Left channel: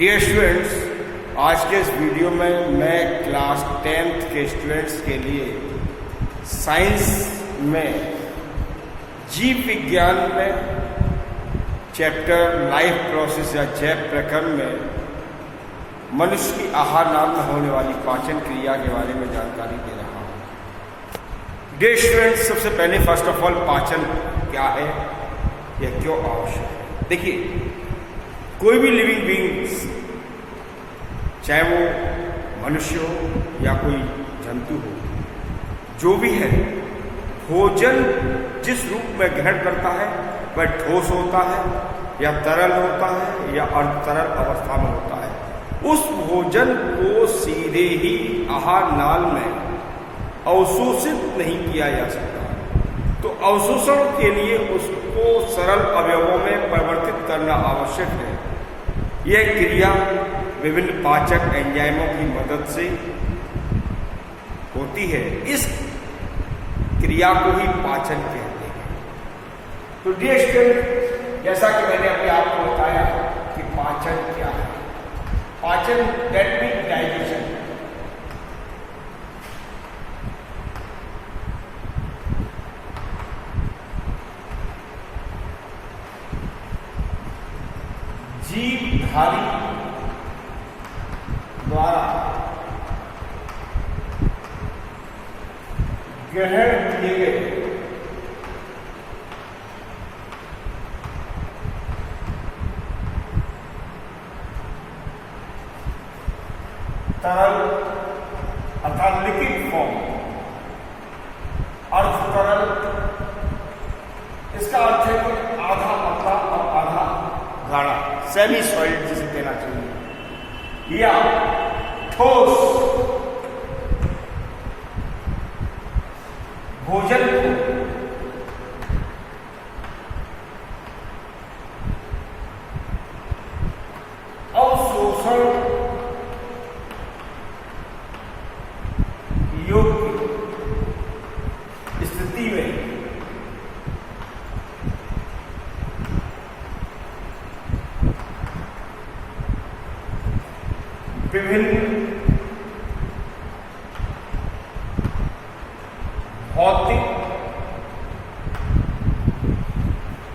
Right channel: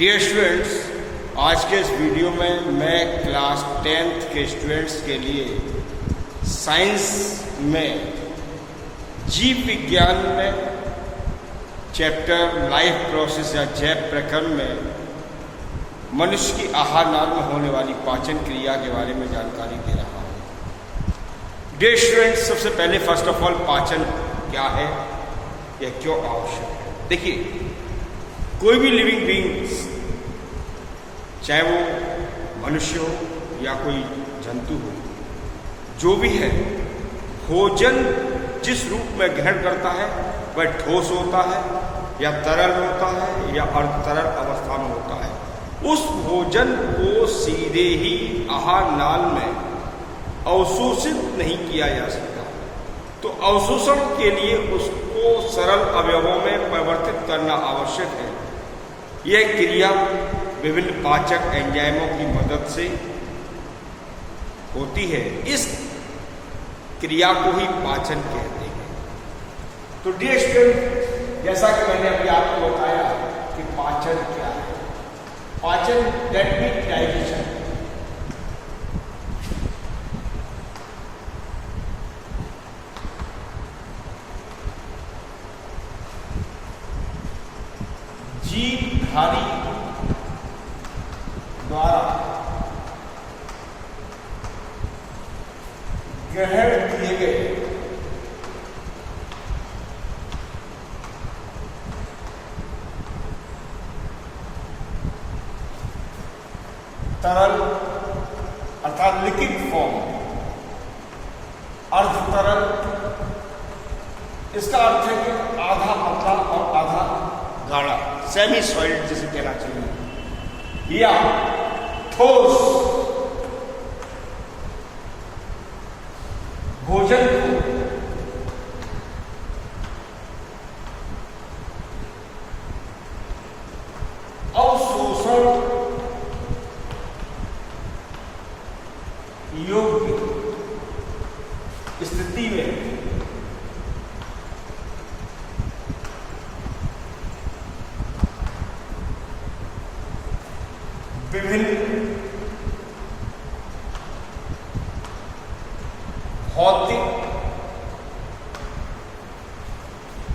Dear students, आज के इस वीडियो में मैं क्लास 10th के स्टूडेंट्स के लिए साइंस में जीव विज्ञान में चैप्टर लाइफ प्रोसेस या जैव प्रकरण में मनुष्य की आहार नाल में होने वाली पाचन क्रिया के बारे में जानकारी दे रहा हूँ। डियर स्टूडेंट्स, सबसे पहले फर्स्ट ऑफ ऑल पाचन क्या है, यह क्यों आवश्यक है। देखिए, कोई भी लिविंग बीइंग्स, चाहे वो मनुष्य हो या कोई जंतु हो, जो भी है, भोजन जिस रूप में ग्रहण करता है वह ठोस होता है या तरल होता है या अर्धतरल अवस्था में होता है। उस भोजन को सीधे ही आहार नाल में अवशोषित नहीं किया जा सकता, तो अवशोषण के लिए उसको सरल अवयवों में परिवर्तित करना आवश्यक है। यह क्रिया विभिन्न पाचक एंजाइमों की मदद से होती है। इस क्रिया को ही पाचन कहते हैं। तो डियर स्टूडेंट, जैसा कि मैंने अभी आपको बताया कि पाचन क्या है। पाचन दैट मीन्स डाइजेशन। जीवधारी द्वारा ग्रहण किए गए तरल अर्थात लिक्विड फॉर्म, अर्ध तरल, इसका अर्थ है कि आधा पतला और आधा गाढ़ा, सेमी सॉलिड जिसे कहना चाहिए, या ठोस भोजन को अवशोषण योग्य स्थिति में विभिन्न भौतिक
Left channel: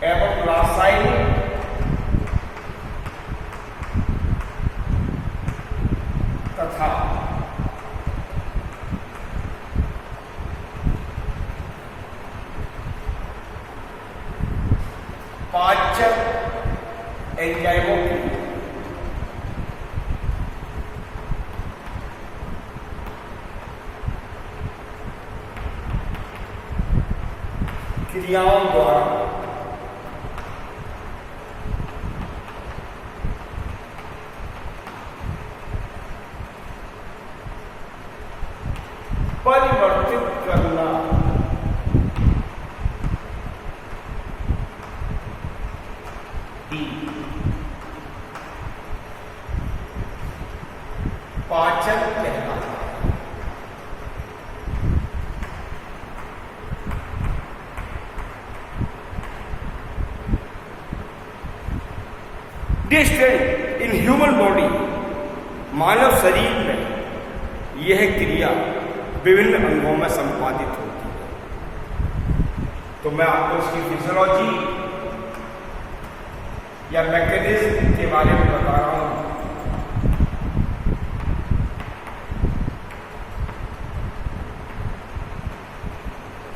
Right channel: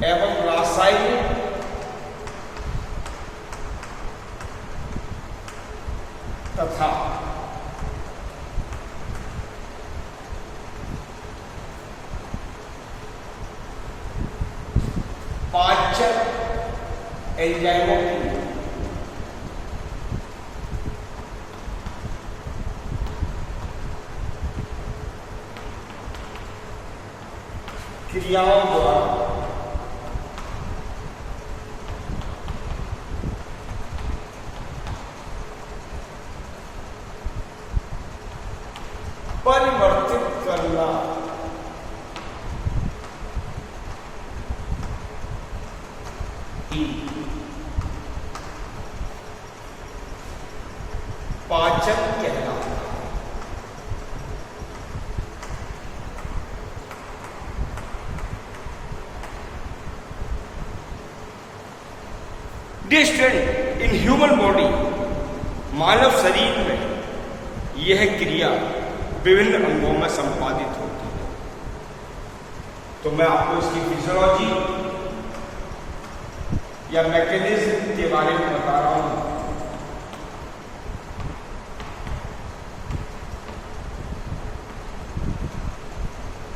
एवं रासायनिक तथा पाचक एंजाइमों की क्रियाओं द्वारा परिवर्तित करना ही पाचन कहलाता है। Dear student, in human body, मानव शरीर में यह क्रिया विभिन्न अंगों में संपादित होती है। तो मैं आपको इसकी फिजियोलॉजी या मैकेनिज्म के बारे में बता रहा हूं।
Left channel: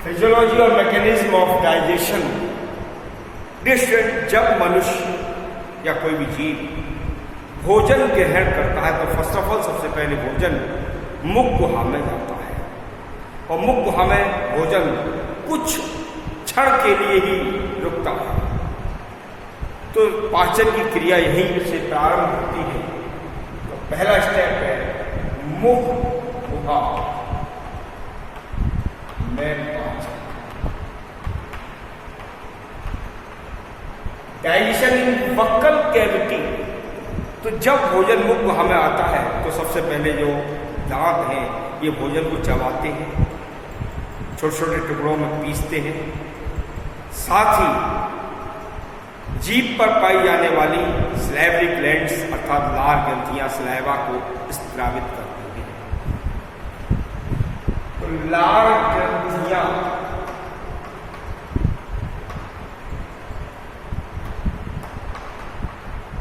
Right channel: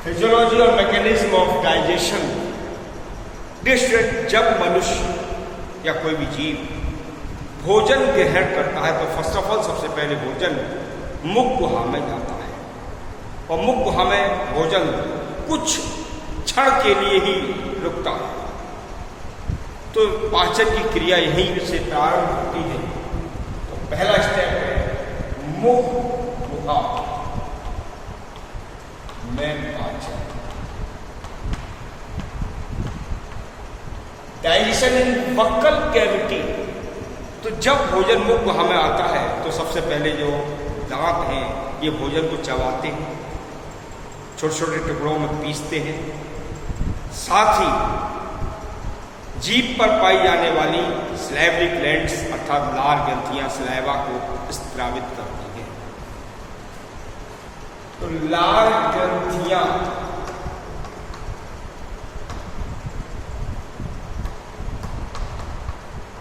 फिजियोलॉजी और mechanism of digestion. Dear student, जब मनुष्य या कोई भी जीव भोजन ग्रहण करता है तो फर्स्ट ऑफ ऑल सबसे पहले भोजन मुख गुहा में जाता है, और मुख गुहा में भोजन कुछ क्षण के लिए ही रुकता है। तो पाचन की क्रिया यहीं से प्रारंभ होती है। तो पहला स्टेप है मुख गुहा में पाचन। डाइजेशन इन बक्कल कैविटी। तो जब भोजन मुख गुहा में आता है तो सबसे पहले जो दांत हैं ये भोजन को चबाते हैं, छोटे छोटे टुकड़ों में पीसते हैं, साथ ही जीभ पर पाई जाने वाली सलाइवरी ग्लैंड्स अर्थात लार ग्रंथियां सलाइवा को स्रावित करती हैं। तो लार ग्रंथियां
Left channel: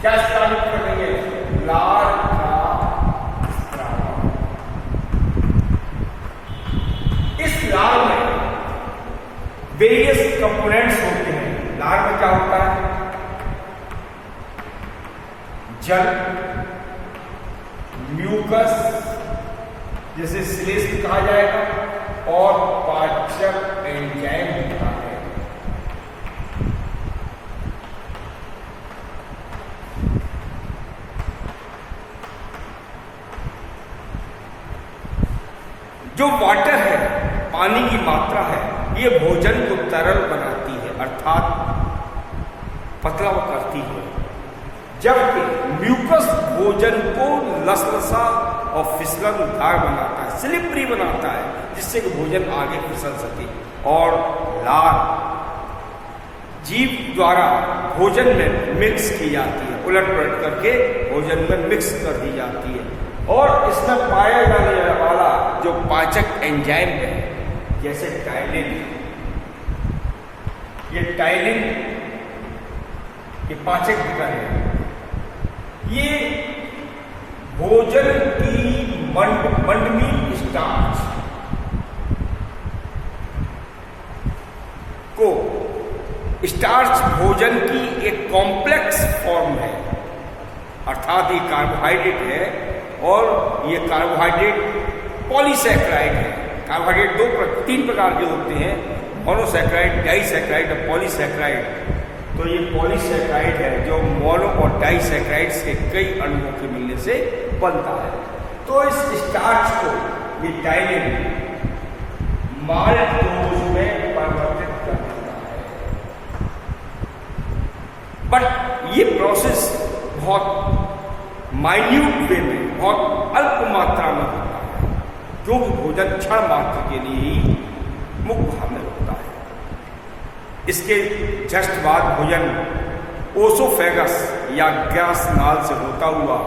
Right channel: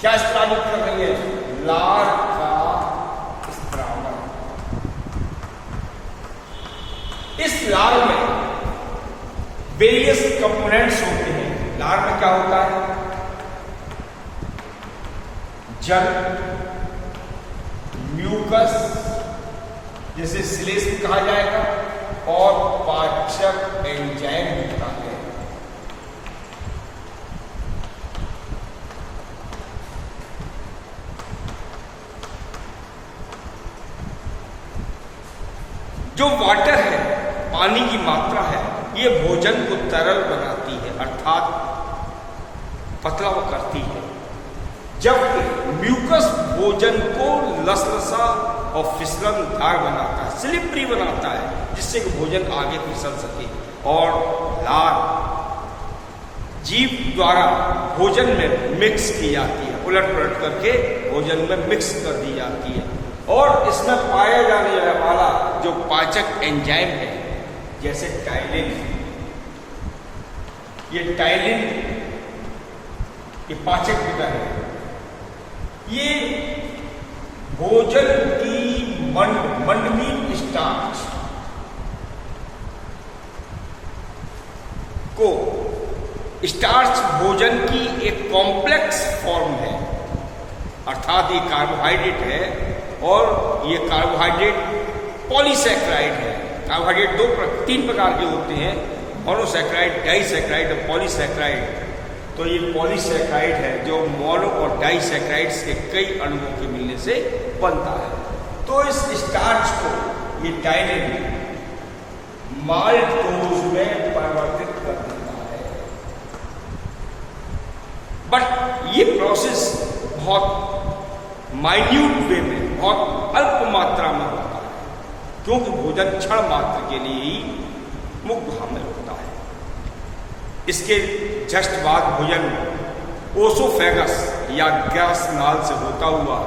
क्या स्रावित कर रही है? लार का स्रावन। इस लार में वेरियस कंपोनेंट्स होते हैं। लार में क्या होता है? जल, म्यूकस जिसे श्लेष्म कहा जाएगा, और पाचक एंजाइम होता है। जो वाटर है, पानी की मात्रा है, ये भोजन को तरल बनाती है अर्थात पतला करती है, जबकि म्यूकस भोजन को लसलसा और फिसलनदार बनाता है, स्लिपरी बनाता है, जिससे कि भोजन आगे फिसल सके। और लार जीभ द्वारा भोजन में मिक्स की जाती है, उलट पलट करके भोजन में मिक्स कर दी जाती है। और इसमें पाया जाने वाला जो पाचक एंजाइम है, जैसे टाइलिन, ये टाइलिन ये पाचक विकर है। ये भोजन की मंडमीन स्टार्च को, स्टार्च भोजन की एक कॉम्प्लेक्स फॉर्म है, अर्थात ये कार्बोहाइड्रेट है, और ये कार्बोहाइड्रेट पॉलीसैकेराइड है। कार्बोहाइड्रेट तीन प्रकार के होते हैं, मोनोसैकेराइड, डाइसैकेराइड और पॉलीसैकेराइड। तो ये पॉलीसैकेराइड है जो मोनो और डाइसैकेराइड्स के कई अणुओं के मिलने से बनता है। तो इस स्टार्च को ये टाइलिन माल्टोज में परिवर्तित कर देता है। बट ये प्रोसेस बहुत माइन्यूट वे में, बहुत अल्प मात्रा में होता है, क्योंकि भोजन क्षण मात्र के लिए ही मुख भाव में होता है। इसके जस्ट बाद भोजन ओसोफेगस या गैस नाल से होता हुआ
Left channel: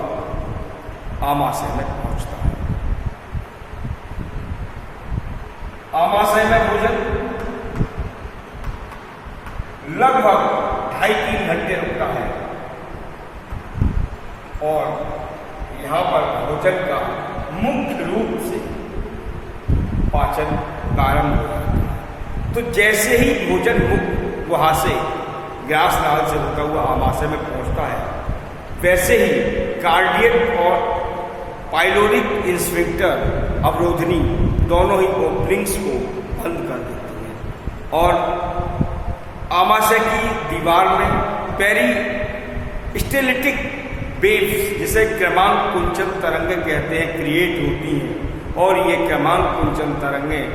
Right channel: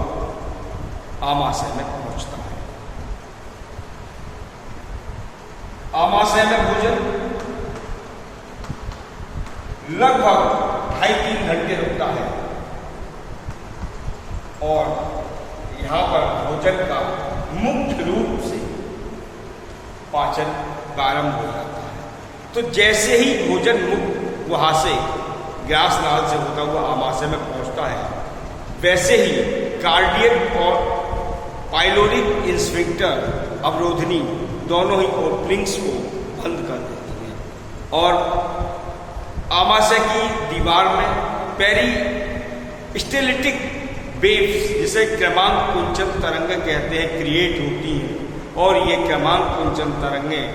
आमाशय में पहुंचता है। आमाशय में भोजन लगभग 2.5-3 घंटे रुकता है, और यहां पर भोजन का मुख्य रूप से पाचन प्रारंभ हो जाता है। तो जैसे ही भोजन मुख वहां से ग्यास नाल से होता हुआ आमाशय में पहुंचता है, वैसे ही कार्डियक और पाइलोरिक इंस्फिंक्टर अवरोधनी दोनों ही ओपनिंग्स को बंद कर देती हैं, और आमाशय की दीवार में पेरिस्टेलिटिक वेव्स, जिसे क्रमांक कुंचन तरंगें कहते हैं, क्रिएट होती हैं। और ये क्रमांक कुंचन तरंगें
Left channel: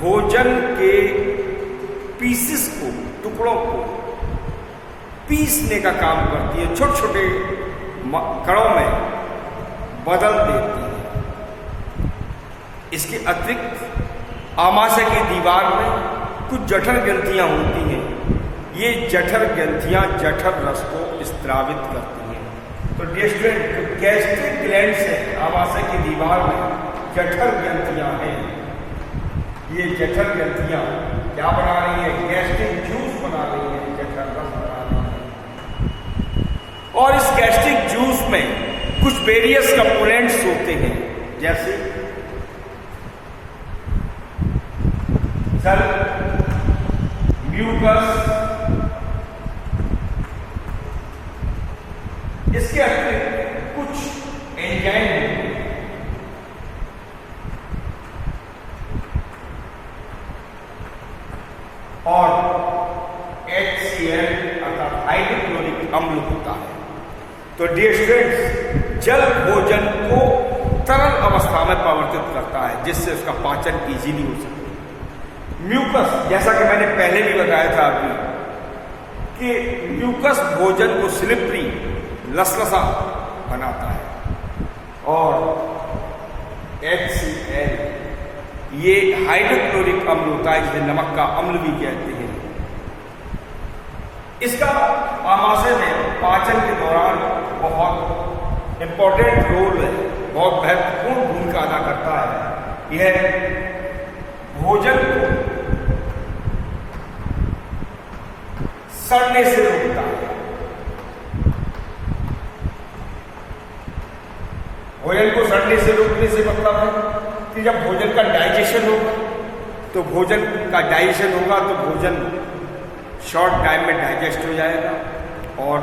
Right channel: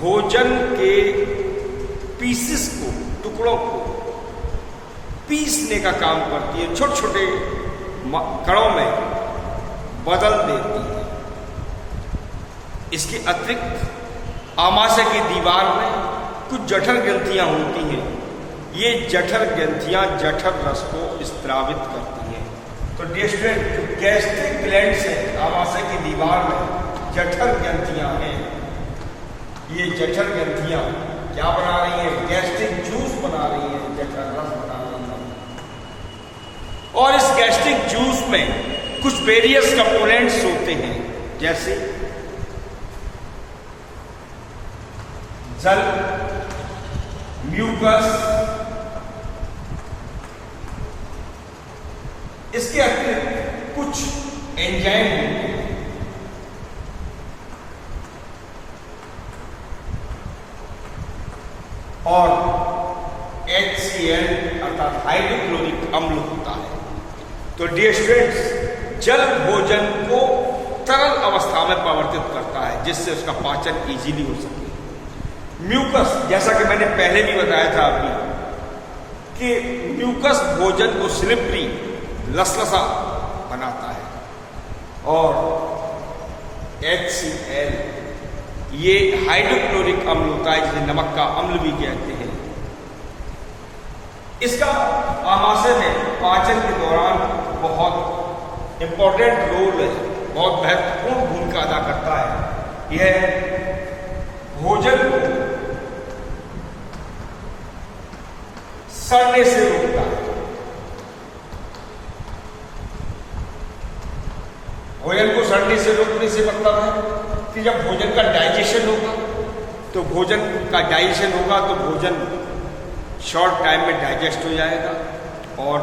भोजन के पीसेस को, टुकड़ों को पीसने का काम करती है, छोटे छोटे कणों में बदल देती है। इसके अतिरिक्त आमाशय की दीवार में कुछ जठर ग्रंथियां होती हैं। ये जठर ग्रंथियां जठर रस को स्रावित करती हैं। तो डियर स्टूडेंट, गैस्ट्रिक ग्लैंड्स है आमाशय की दीवार में, जठर ग्रंथियां हैं। ये जठर ग्रंथियां क्या बना रही हैं? गैस्ट्रिक जूस बना रही हैं, जठर रस बना रही हैं। और इस गैस्ट्रिक जूस में कुछ वेरियस कंपोनेंट्स होते हैं, जैसे जल, म्यूकस, इसके अतिरिक्त कुछ एंजाइम होते हैं। और HCl अर्थात हाइड्रोक्लोरिक अम्ल होता है। तो डियर स्टूडेंट्स, जल भोजन को तरल अवस्था में परिवर्तित करता है, जिससे उसका पाचन इजीली हो सके। म्यूकस, जैसा कि मैंने पहले भी बताया था अभी, कि म्यूकस भोजन को स्लिपरी, लसलसा बनाता है। और HCl ये हाइड्रोक्लोरिक अम्ल होता है, जिसे नमक का अम्ल भी कहते हैं। इसका आमाशय में पाचन के दौरान बहुत इंपॉर्टेंट रोल है, बहुत महत्वपूर्ण भूमिका अदा करता है। यह भोजन को सड़ने से रोकता है। भोजन को सड़ने से रोकने से मतलब है कि जब भोजन का डाइजेशन होगा तो भोजन का डाइजेशन होगा तो भोजन शॉर्ट टाइम में डाइजेस्ट हो जाएगा और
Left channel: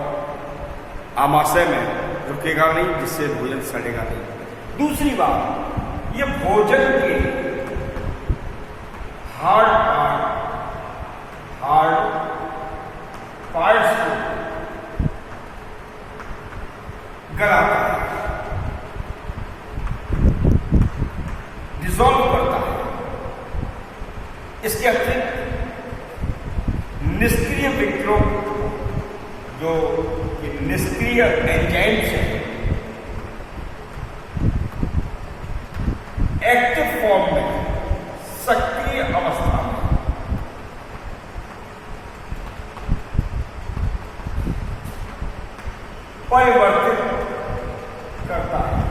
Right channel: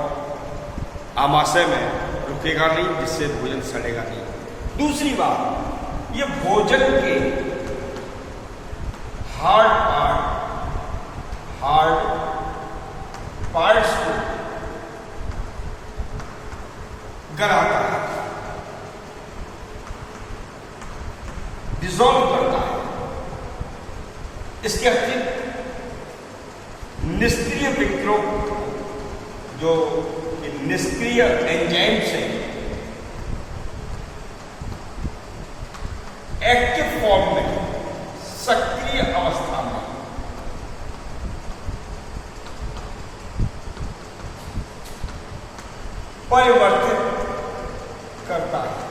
आमाशय में रुकेगा नहीं, जिससे भोजन सड़ेगा नहीं। दूसरी बात, ये भोजन के हार्ड पार्ट्स को गलाता है, डिसॉल्व करता है। इसके अतिरिक्त निष्क्रिय विक्रों, जो निष्क्रिय एंजाइम्स हैं, एक्टिव फॉर्म में, सक्रिय अवस्था में परिवर्तित करता है।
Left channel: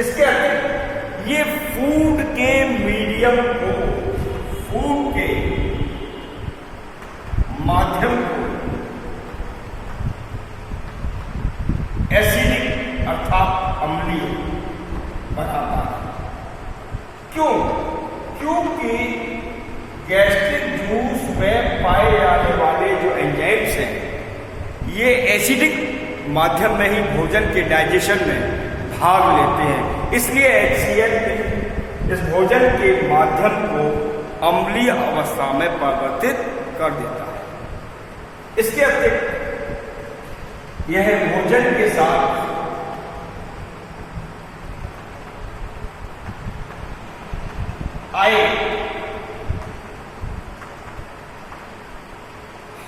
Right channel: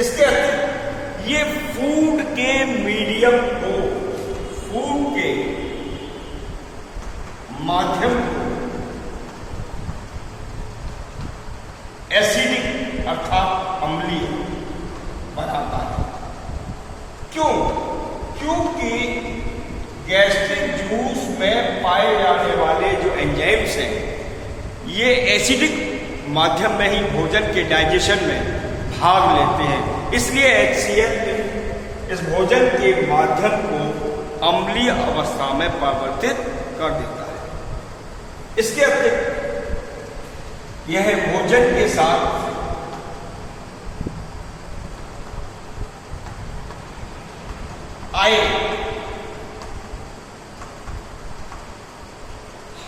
इसके अतिरिक्त ये फूड के मीडियम को, फूड के माध्यम को एसिडिक अर्थात अम्लीय बनाता है। क्यों? क्योंकि गैस्ट्रिक जूस में पाए जाने वाले जो एंजाइम्स हैं, ये एसिडिक माध्यम में ही भोजन के डाइजेशन में भाग लेते हैं। इसलिए HCl इस भोजन के माध्यम को अम्लीय अवस्था में परिवर्तित कर देता है। इसके अतिरिक्त यह भोजन के साथ आए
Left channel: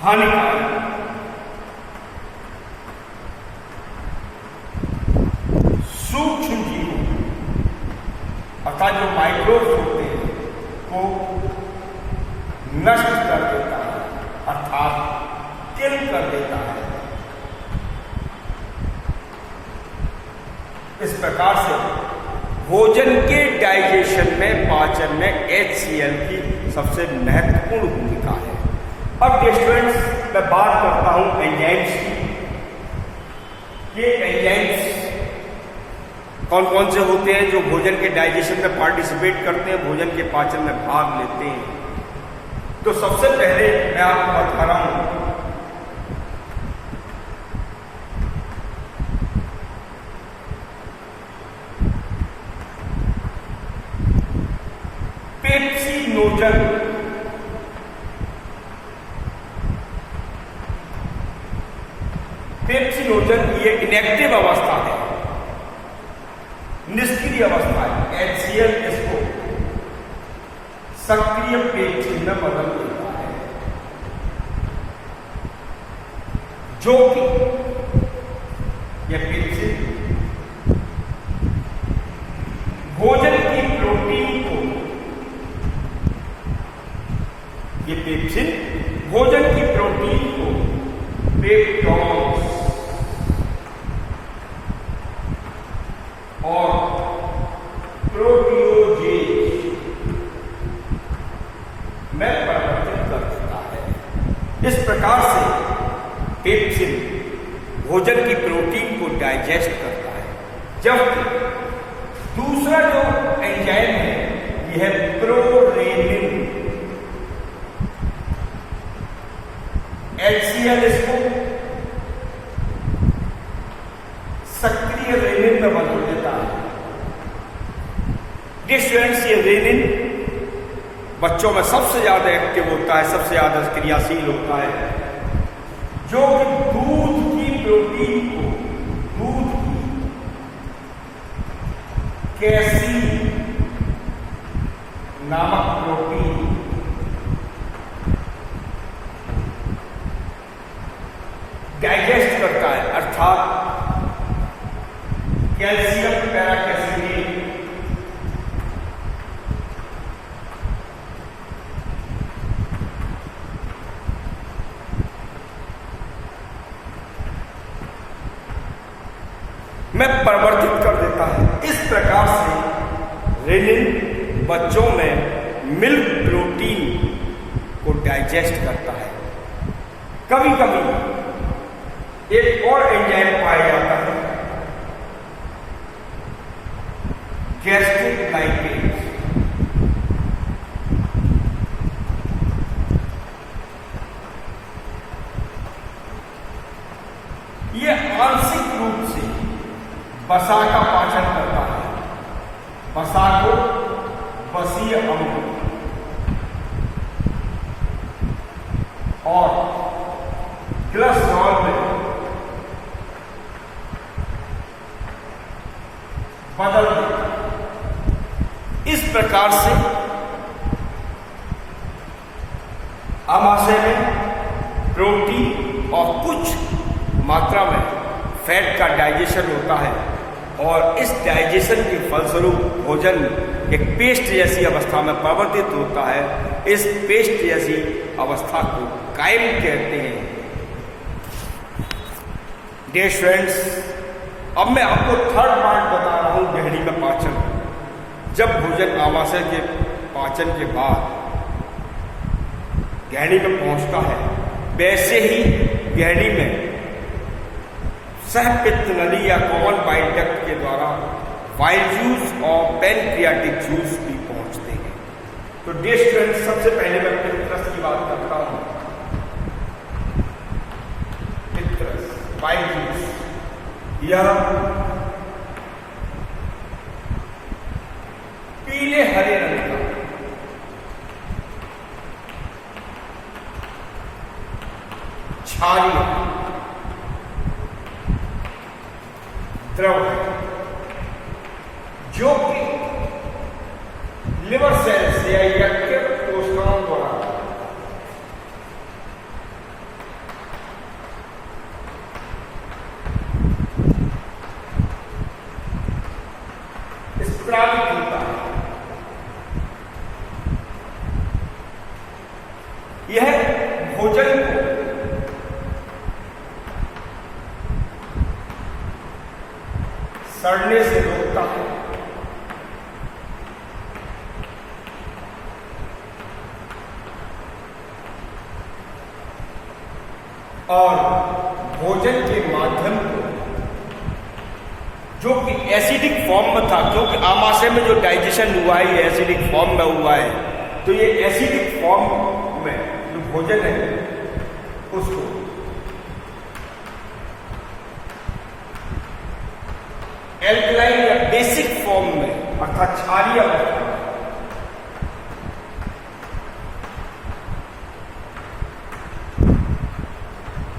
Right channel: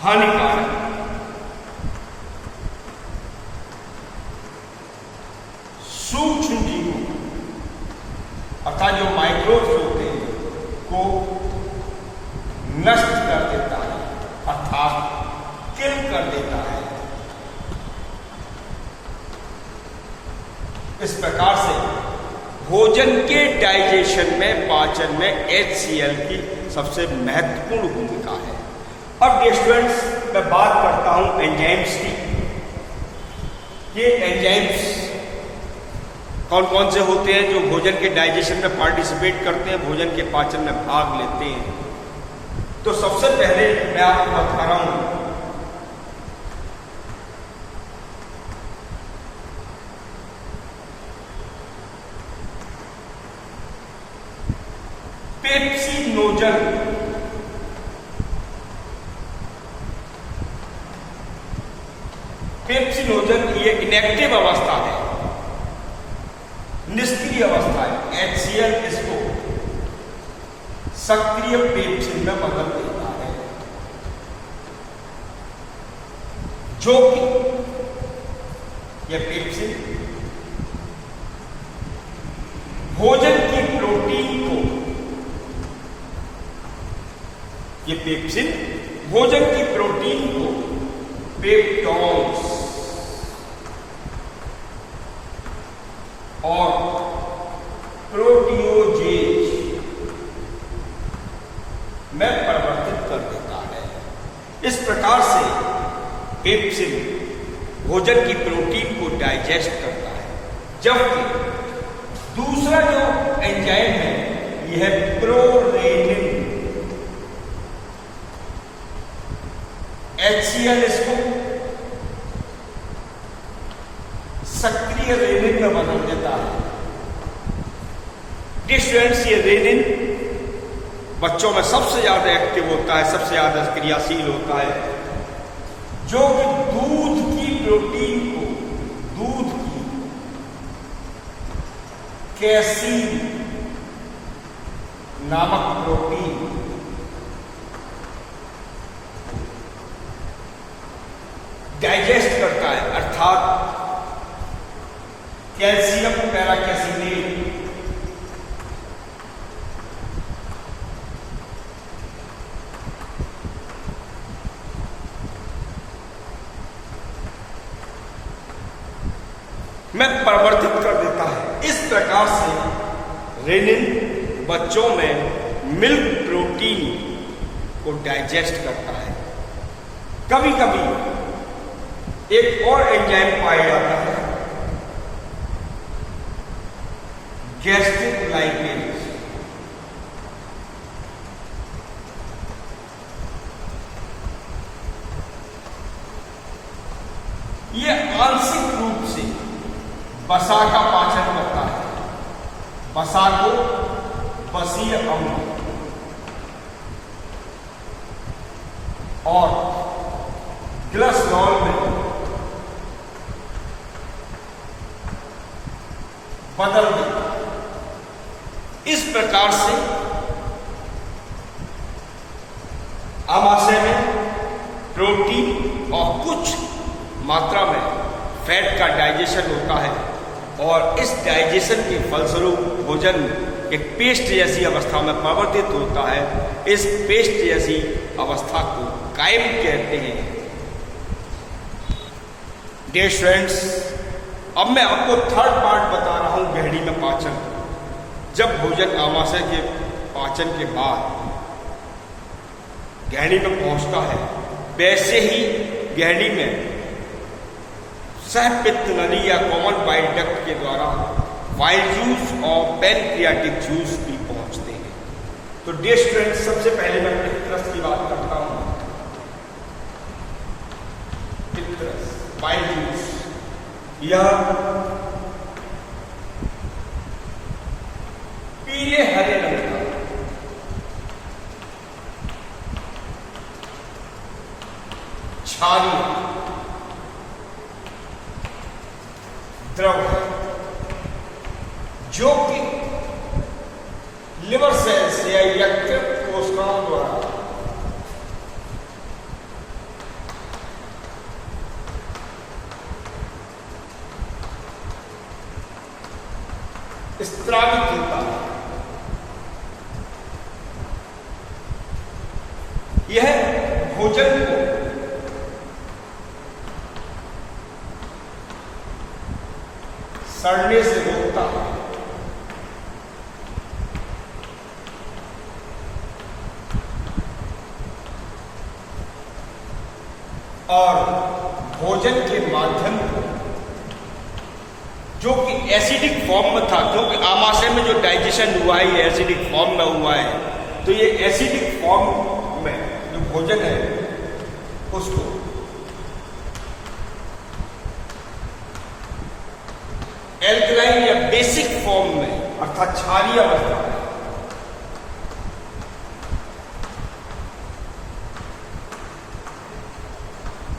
हानिकारक सूक्ष्म जीवों अर्थात जो माइक्रोब्स होते हैं को नष्ट कर देता है, अर्थात किल कर देता है। इस प्रकार से भोजन के डाइजेशन में, पाचन में HCl की सबसे महत्वपूर्ण भूमिका है। अब स्टूडेंट्स, मैं बात करता हूं एंजाइम्स की। ये एंजाइम्स कौन कौन से होते हैं जो भोजन के डाइजेशन में पार्टिसिपेट करते हैं, भोजन के पाचन में भाग लेते हैं। तो सबसे पहले मैं आपको बता रहा हूं पेप्सिनोजन। पेप्सिनोजन ये इनएक्टिव अवस्था है, निष्क्रिय अवस्था है। HCl इसको सक्रिय पेप्सिन में बदल देता है, जो कि यह पेप्सिन भोजन की प्रोटीन को, ये पेप्सिन भोजन की प्रोटीन को पेप्टोन्स और प्रोटियोजेज में परिवर्तित कर देता है। इस प्रकार से पेप्सिन भोजन की प्रोटीन को डाइजेस्ट करता है, जबकि दूसरा जो एंजाइम है यह है प्रोरेनिन। HCl इसको सक्रिय रेनिन में बदल देता है। स्टूडेंट्स, ये रेनिन बच्चों में सबसे ज्यादा एक्टिव होता है, सबसे ज्यादा क्रियाशील होता है, जो कि दूध की प्रोटीन को, दूध की कैसीन नामक प्रोटीन डाइजेस्ट करता है, अर्थात कैल्शियम पैराकैसिनेट में परिवर्तित कर देता है। इस प्रकार से रेनिन बच्चों में मिल्क प्रोटीन को डाइजेस्ट करता है। कभी कभी एक और एंजाइम पाया जाता है, गैस्ट्रिक लाइकेज। यह आंशिक रूप से वसा का पाचन करता है। वसा को वसीय अम्ल और कोलेस्ट्रॉल में बदल देता है। इस प्रकार से आमाशय में प्रोटीन और कुछ मात्रा में फैट का डाइजेशन होता है और इस डाइजेशन के फलस्वरूप भोजन एक पेस्ट जैसी अवस्था में परिवर्तित होता है। इस पेस्ट जैसी अवस्था को कायम कहते हैं। डियर फ्रेंड्स, अब मैं आपको थर्ड पार्ट बता रहा हूं, गहरी में पाचन। जब भोजन आमाशय के पाचन के बाद गहरी में पहुंचता है, वैसे ही गहरी में सहपित्त नली या कॉमन बाइल डक्ट के द्वारा बाइल जूस और पैनक्रियाटिक जूस भी पहुंचते हैं। तो डियर स्टूडेंट्स, सबसे पहले मैं पित्तरस की बात करता हूं। पित्तरस बाइल जूस, यह पीले हरे रंग का क्षारीय द्रव है, जो कि लिवर सेल्स या यकृत कोशिकाओं द्वारा स्त्रावित होता है। यह भोजन को सड़ने से रोकता है और भोजन के माध्यम को, जो कि एसिडिक फॉर्म में था, क्योंकि आमाशय में जो डाइजेशन हुआ है ये एसिडिक फॉर्म में हुआ है, तो ये एसिडिक फॉर्म में जो भोजन है उसको एल्कलाइन या बेसिक फॉर्म में अर्थात क्षारीय अवस्था में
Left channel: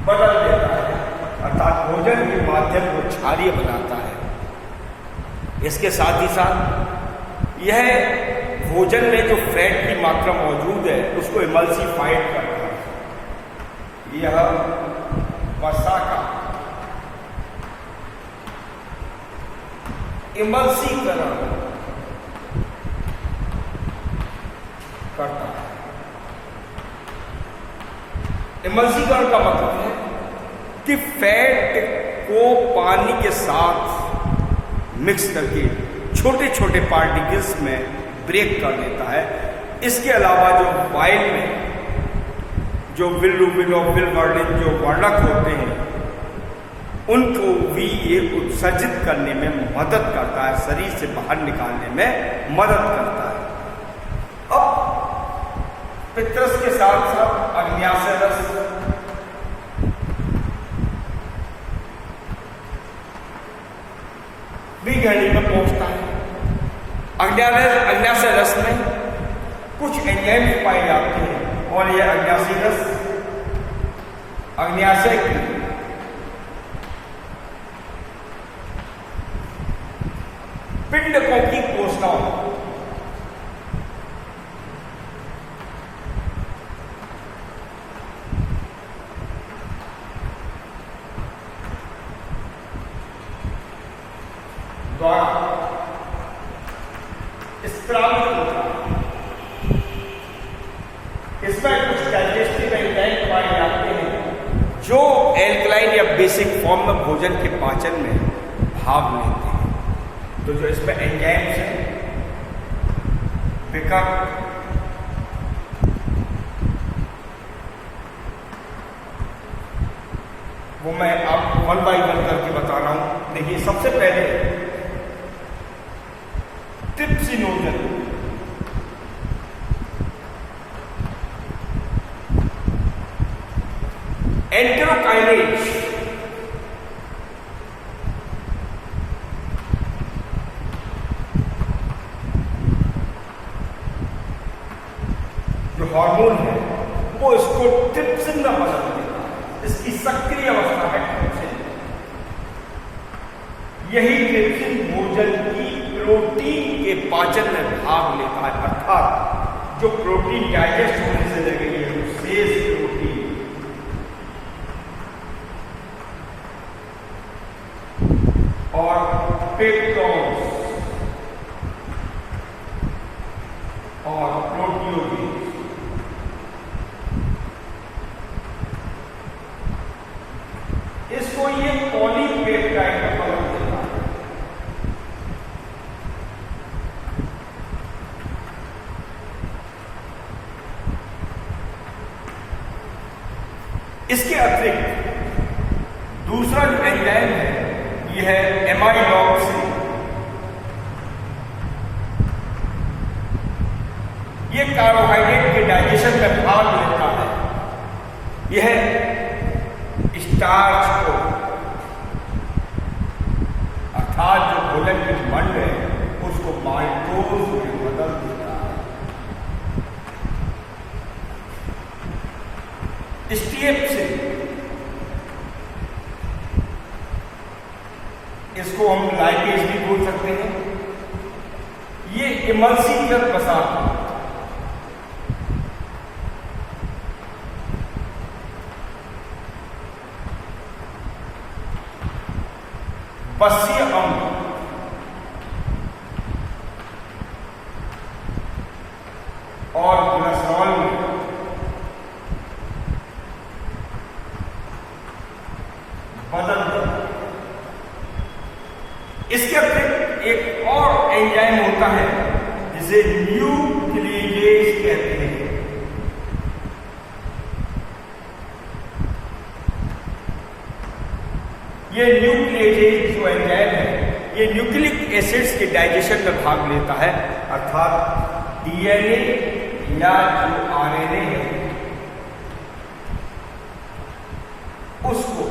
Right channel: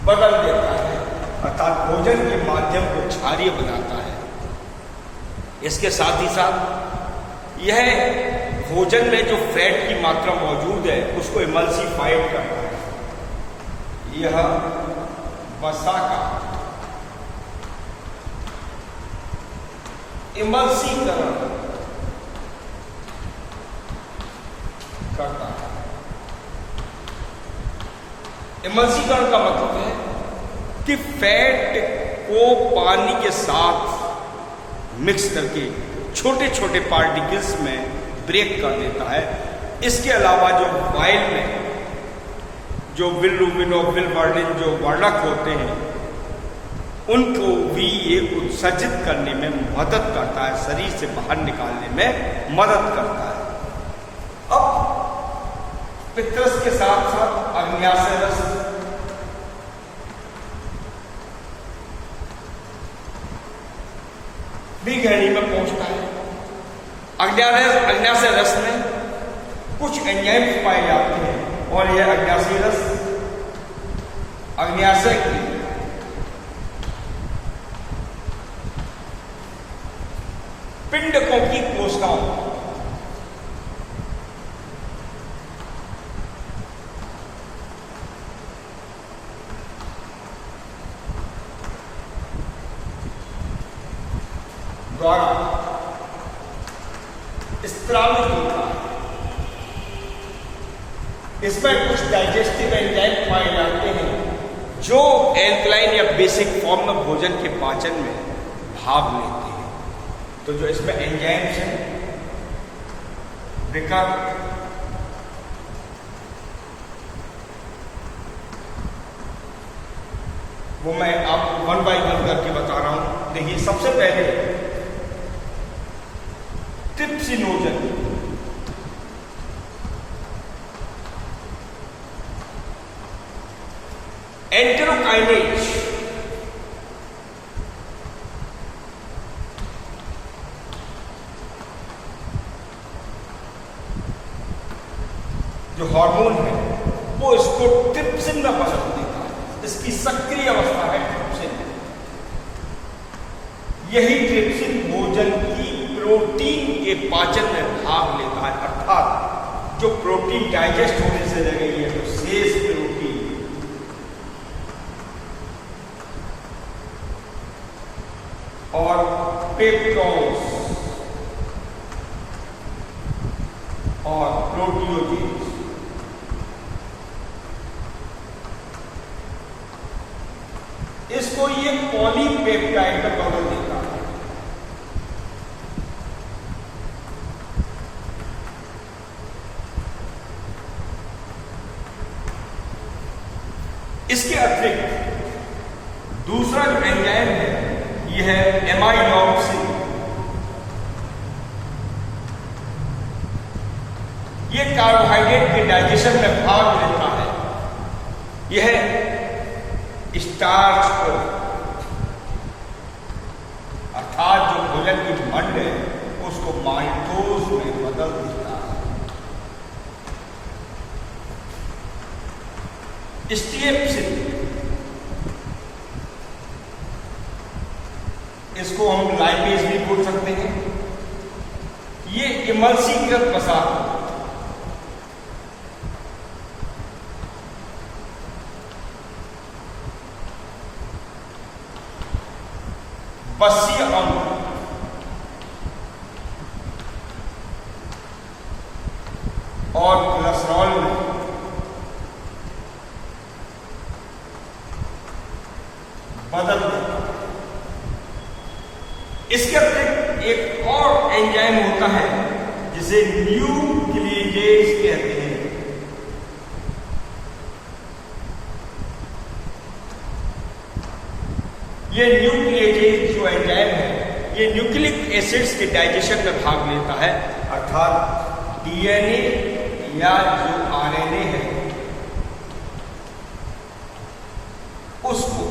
बदल देता है, अर्थात भोजन के माध्यम को क्षारीय बनाता है। इसके साथ ही साथ यह भोजन में जो फैट की मात्रा मौजूद है उसको इमल्सिफाइड करता है। यह वसा का इमल्सीकरण करता है। इमल्सीकरण का मतलब है कि फैट को पानी के साथ मिक्स करके छोटे छोटे पार्टिकल्स में ब्रेक कर देता है। इसके अलावा जो बाइल में जो बिलिरुबिन और बिलिवर्निन जो वर्णक होते हैं उनको भी ये उत्सर्जित करने में मदद करता है, शरीर से बाहर निकालने में मदद करता है। अब पित्तरस के साथ साथ अग्न्याशय रस भी गहरी में पहुंचता है। अग्न्याशय रस में कुछ एंजाइम्स पाए जाते हैं और यह अग्न्याशय रस अग्न्याशय की पिंडकों की कोशिकाओं द्वारा स्त्रावित होता है। इसमें कुछ डाइजेस्टिव एंजाइम पाए जाते हैं जो एल्कलाइन या बेसिक फॉर्म में भोजन के पाचन में भाग लेते हैं। तो जो इसमें एंजाइम्स हैं विकल्प वो मैं आप 1 बाय 1 करके बता रहा हूं। देखिए सबसे पहले ट्रिप्सिनोजन, एंटेरोकाइनेज, जो हार्मोन है वो इसको ट्रिप्सिन में बदल देता है। इसकी सक्रिय अवस्था है ट्रिप्सिन। यही ट्रिप्सिन भोजन की प्रोटीन के पाचन में भाग लेता है, अर्थात जो प्रोटीन डाइजेस्ट होने से लगेगी तो शेष प्रोटीन और पेप्टोन्स और प्रोटियोजेंस इसको ये पॉलीपेप्टाइड में बदल देता है। इसके अतिरिक्त दूसरा जो एंजाइम है यह है एमाइलॉक्सिन। यह कार्बोहाइड्रेट के डाइजेशन में भाग लेता है। यह स्टार्च को अर्थात जो भोजन की मंड है उसको माल्टोज में बदल देता है। स्टीएप्सिन, इसको हम लाइपेज भी बोल सकते हैं। ये इमल्सीकृत पदार्थ बसीय अंग और कोलेस्ट्रॉल में बदल देता है। इसके अतिरिक्त एक और एंजाइम होता है जिसे न्यूक्लियेज कहते हैं। ये न्यूक्लियेज जो एंजाइम है ये न्यूक्लिक एसिड्स के डाइजेशन में भाग लेता है, अर्थात डीएनए या जो आरएनए है उसको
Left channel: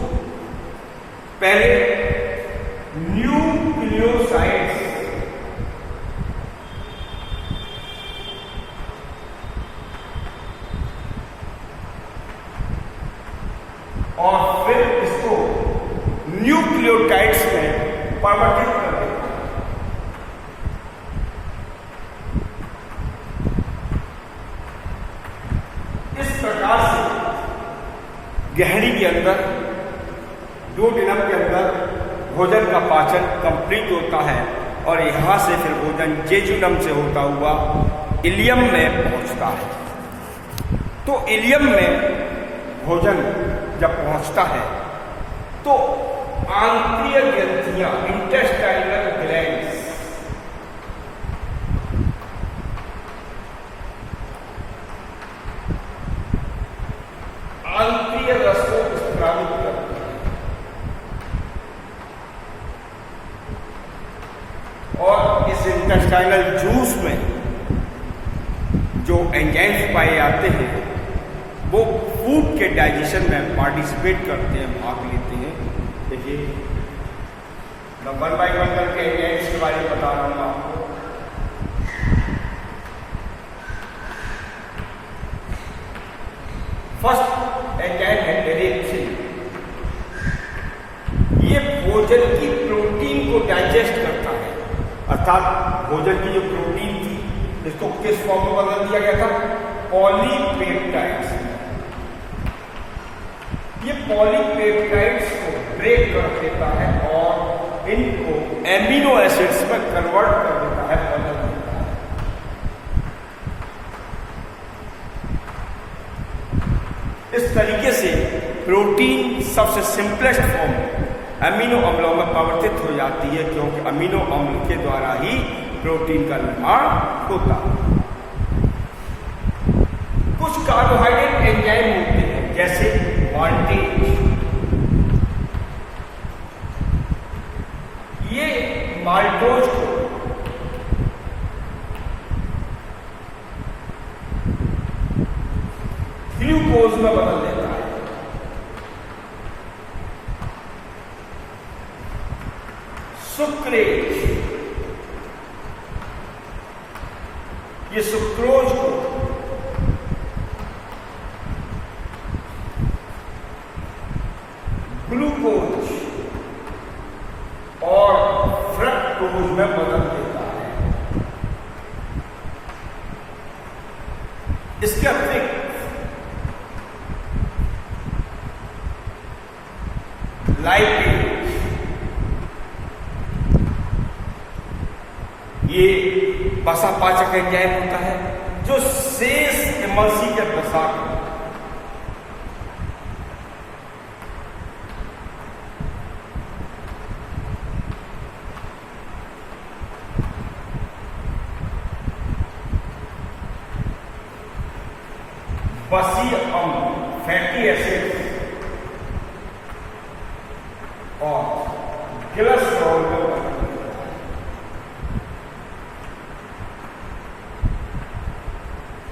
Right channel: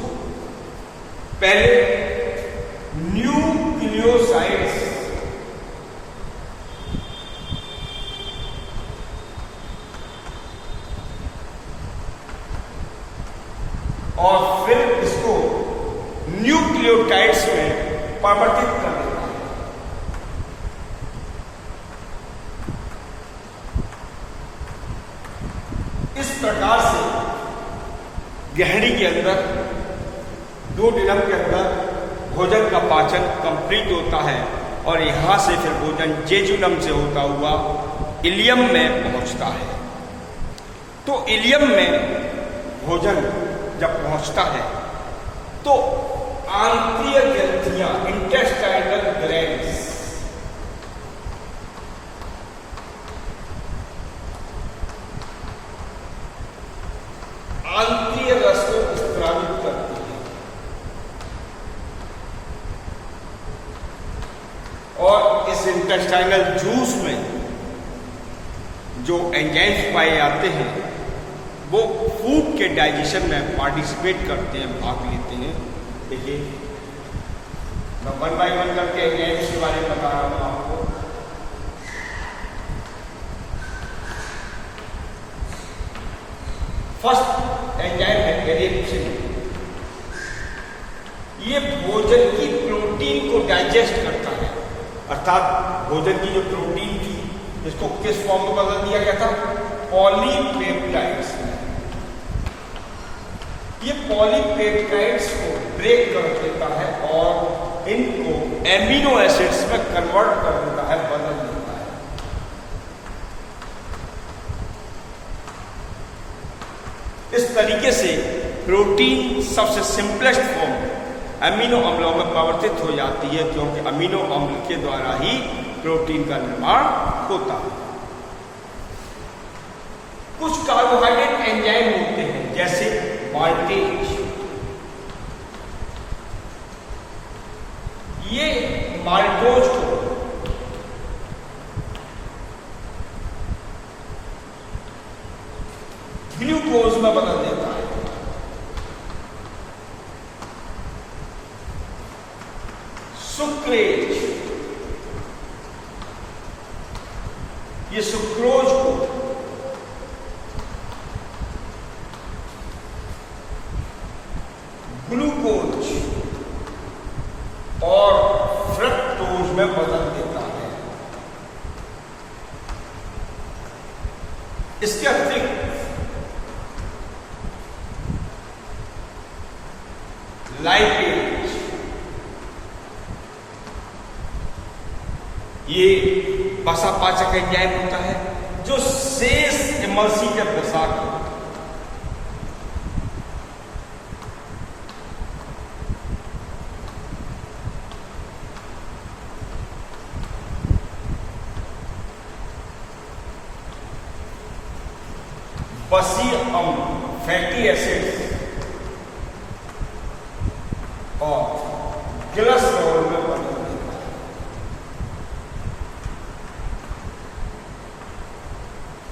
पहले न्यूक्लियोसाइड्स और फिर इसको न्यूक्लियोटाइड्स में परिवर्तित कर देता है। इस प्रकार से गहरी के अंदर डोडेनम के अंदर भोजन का पाचन कंप्लीट होता है और यहां से फिर भोजन जेजुनम से होता हुआ इलियम में पहुंचता है। तो इलियम में भोजन जब पहुंचता है तो आंत्रीय ग्रंथियां, इंटेस्टाइनल ग्लैंड्स, आंत्रीय रस को स्रावित करती है और इस इंटेस्टाइनल जूस में जो एंजाइम्स पाए जाते हैं वो फूड के डाइजेशन में पार्टिसिपेट करते हैं, भाग लेते हैं। देखिए मैं 1 बाय 1 करके एंजाइम्स के बारे में बता रहा हूं आपको। फर्स्ट एंजाइम है पेरिप्सिन। ये भोजन की प्रोटीन को डाइजेस्ट करता है, अर्थात भोजन की जो प्रोटीन थी इसको किस फॉर्म में बदल दिया गया था? पॉलीपेप्टाइड्स। ये पॉलीपेप्टाइड्स को ब्रेक कर देता है और इनको एमिनो एसिड्स में कन्वर्ट कर देता है, बदल देता है। इस तरीके से प्रोटीन सबसे सिंपलेस्ट फॉर्म अमीनो अम्लों में परिवर्तित हो जाती है, क्योंकि अमीनो अम्ल के द्वारा ही प्रोटीन का निर्माण होता है। कुछ कार्बोहाइड्रेट एंजाइम होते हैं जैसे माल्टेज, ये माल्टोज को ग्लूकोज में बदल देता है। सुक्रेज, ये सुक्रोज को ग्लूकोज और फ्रक्टोज में बदल देता है। इसके अतिरिक्त लाइपेज, ये वसापाचक एंजाइम होता है जो शेष इमल्सी के दशा को बसीय अम्ल, फैटी एसिड और ग्लिसरॉल में बदल देता है।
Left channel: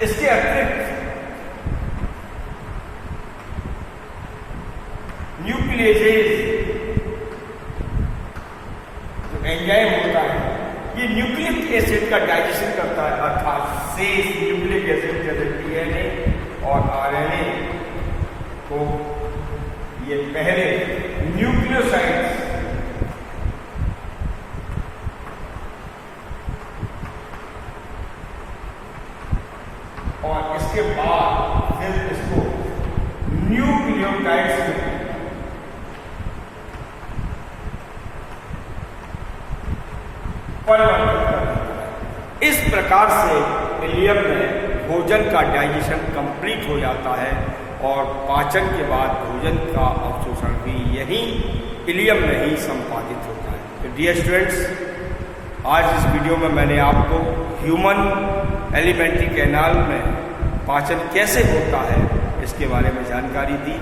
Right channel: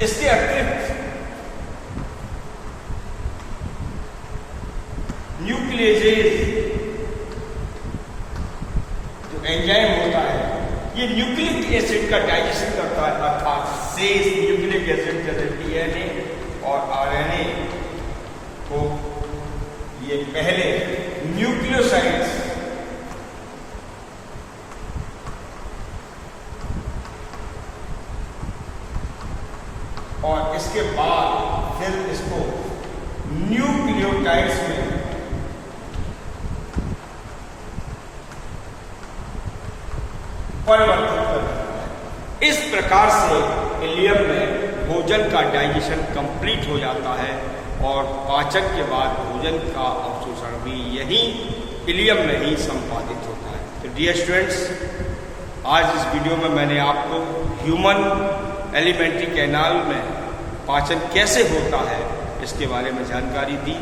इसके अतिरिक्त न्यूक्लियेजेज जो एंजाइम होता है, ये न्यूक्लिक एसिड का डाइजेशन करता है, अर्थात शेष न्यूक्लिक एसिड जैसे डीएनए और आरएनए को ये पहले न्यूक्लियोसाइड्स और इसके बाद फिर इसको न्यूक्लियोटाइड्स में परिवर्तित कर देता है। इस प्रकार से इलियम में भोजन का डाइजेशन कंप्लीट हो जाता है और पाचन के बाद भोजन का अवशोषण भी यही इलियम में ही संपादित होता है। तो डियर स्टूडेंट्स, आज इस वीडियो में मैंने आपको ह्यूमन एलिमेंट्री कैनाल में पाचन कैसे होता है इसके बारे में जानकारी दी।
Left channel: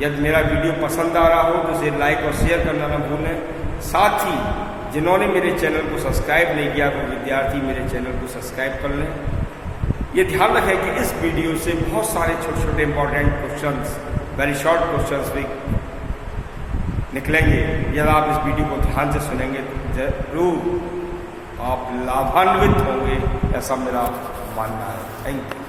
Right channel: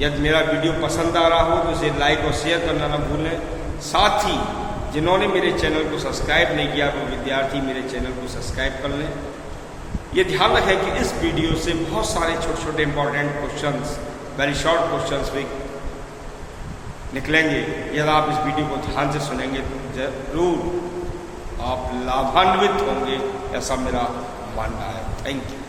यदि मेरा वीडियो पसंद आ रहा हो तो इसे लाइक और शेयर करना ना भूलें। साथ ही जिन्होंने मेरे चैनल को सब्सक्राइब नहीं किया वो विद्यार्थी मेरे चैनल को सब्सक्राइब कर लें। ये ध्यान रखें कि इस वीडियो से बहुत सारे छोटे छोटे important questions, very short questions भी निकलेंगे। यदि आप इस वीडियो को ध्यान से सुनेंगे तो जरूर आप लाभान्वित होंगे, ऐसा मेरा मानना है। Thank you.